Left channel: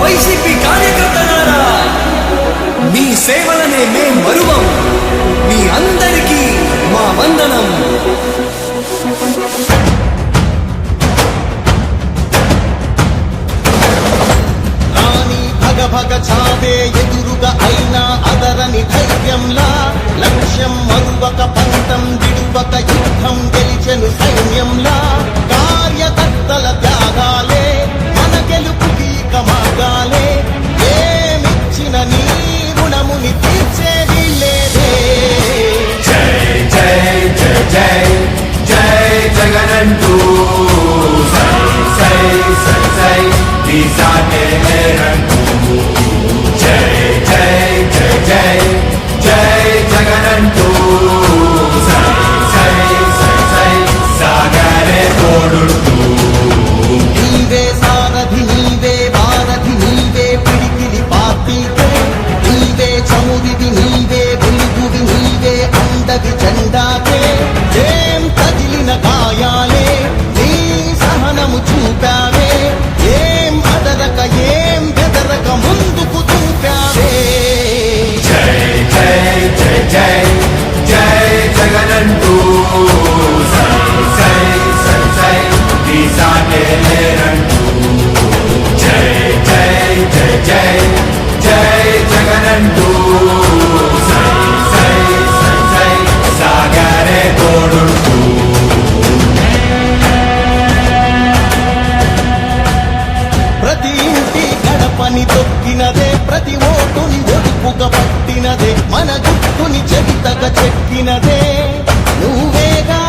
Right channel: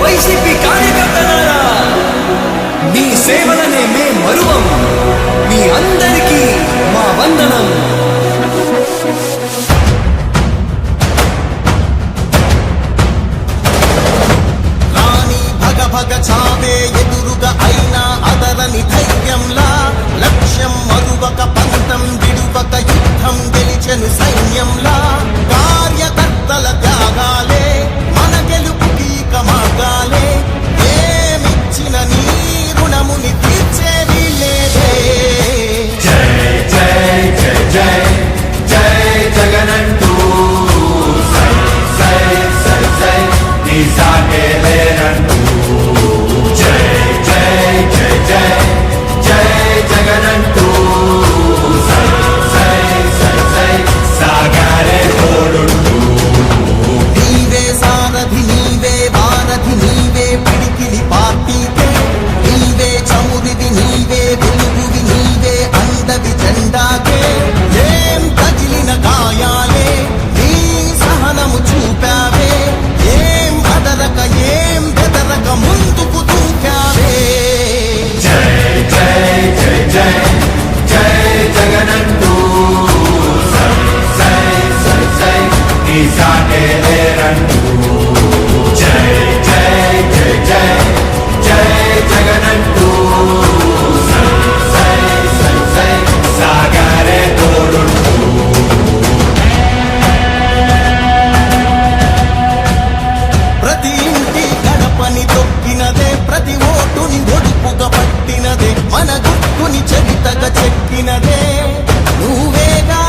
YCP కార్యకర్తలారా మీ సేవలనే మే మరువం. మీ అందరికీ మా వందనం. రాణి భగ భగ చావే ఎదురుగా అయినా అదరని ధైర్యంలా లక్ష్యం మరువక పంతం విడువక యుద్ధం గెలిచెను సైన్యంలా కార్యకర్తల త్యాగాలే మన గెలుపుకి మార్గాలే. ఏమిచ్చిన నీ రుణముని తీర్చేది లేదే. Jay, Jay, Jay, Jay. అదరక ఓటుని ఒదుపుగా పట్టినదే మన గుట్టుని చరితగా చెక్కినదే. నువ్వేగా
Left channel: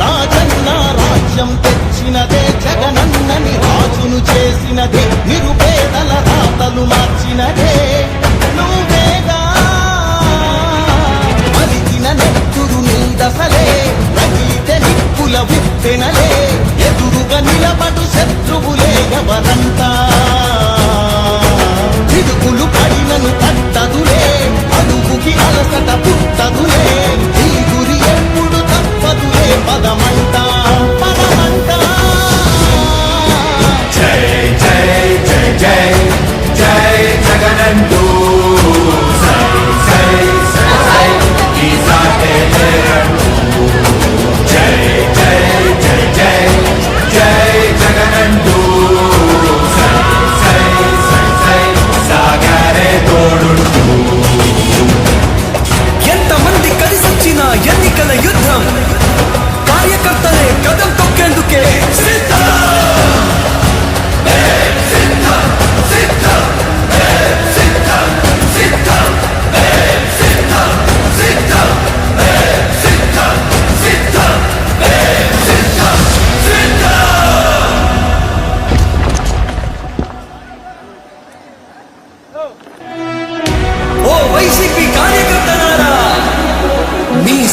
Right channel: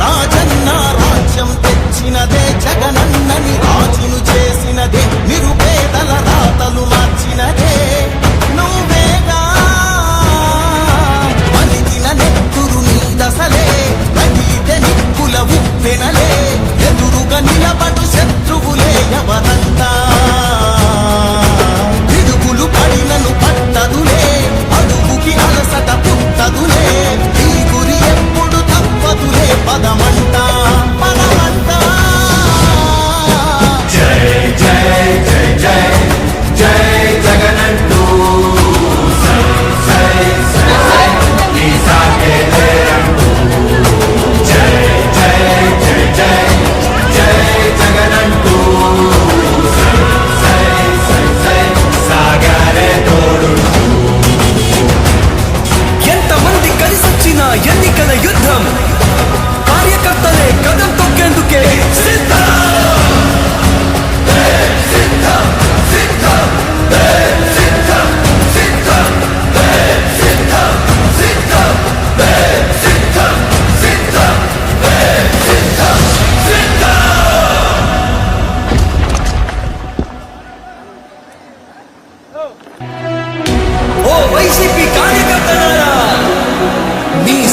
రాజన్న రాజ్యం తెచ్చినదే జగనన్నని రాజును చేసినదే నిరుపేదల రాతలు మార్చినదే. నువ్వేగా మరిచిన నెత్తురు నీ దశలే రగిలితే నిప్పుల ఉప్పెనలే. ఎన్నికల యుద్ధం. కార్యకర్తలే కదం తొక్కేందుకే సిద్ధం. ఓ వైసీపీ కార్యకర్త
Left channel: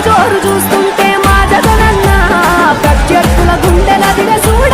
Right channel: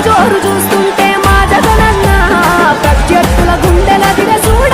జోరు చూస్తుంటే మాదగనన్నా ప్రత్యర్థుల గుండెల దిగ చూడ